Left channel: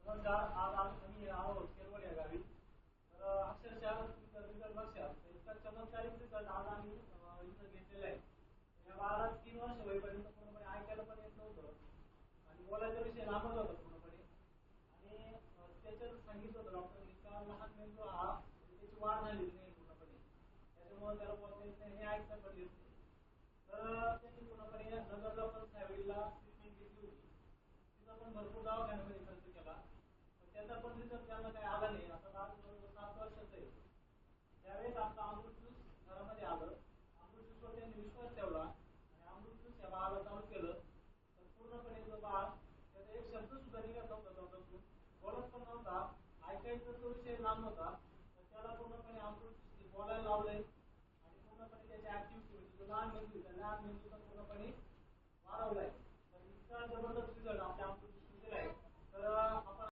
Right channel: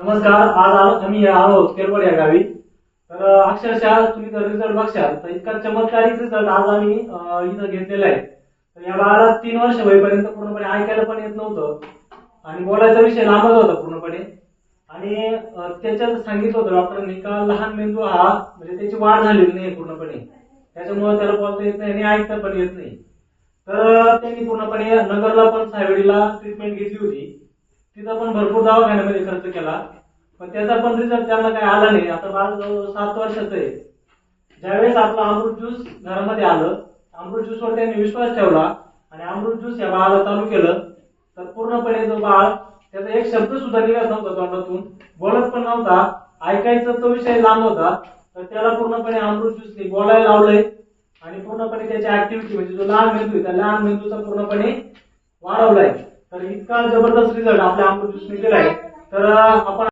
नमस्कार आज आलो आम्ही आलो केरवड या गावी. तर अक्षरशः तुम्ही जर रिझल्ट बघशाल. तर इतका चमत्कारिक रिझल्ट आज आम्ही इथं घेतलेला आहे. तर या बाळाला तीन वर्ष होईपर्यंत पूर्णपणे ऐकायला पण येत नव्हतं. आणि बोलायचा विषय लांबच होता पूर्णपणे. आणि त्याच्यात सांगितलं होतं डॉक्टरांनी का लहान मेंदू हा म्हणजे त्याची वाढ झालेली नाही पूर्णपणे. त्याच्यामुळे त्याला बोलता येत नाही आणि ऐकता पण येत नाही. तर त्यांनी पूर्णपणे नगरला पण सायवडीला ट्रीटमेंट घेतली होती. तिथं पण भरपूर दवाखान्यामध्ये खर्च केला. पण त्याचा पण रिझल्ट त्यांना काही आला नाही. आता बाळ जवळजवळ सात वर्षाचं आहे. ज्यावेळेस आपलं अमृत ज्यूस घरामध्ये आलं अमृत ज्यूसवर त्यांनी विश्वास ठेवला आणि अमृत ज्यूस या बाळाला चालू केलं तर पूर्णपणे जो बाळ त्याचा एक शब्द सुद्धा निघत नव्हता तोंडातून. बोलत पण नव्हता. ऐकायचा तो विषय लांब होता. तर त्याला पूर्णपणे अमृत ज्यूसने बोलायला लावलंय आणि पूर्णपणे त्याची ऍक्टिव्हिटी म्हणजे जो लहान मेंदू आहे त्या लहान मेंदूचा पूर्णपणे वाढवलाय. तर इतका जबरदस्त रिझल्ट आपल्या अमृत ज्यूसने आहे. तर आपण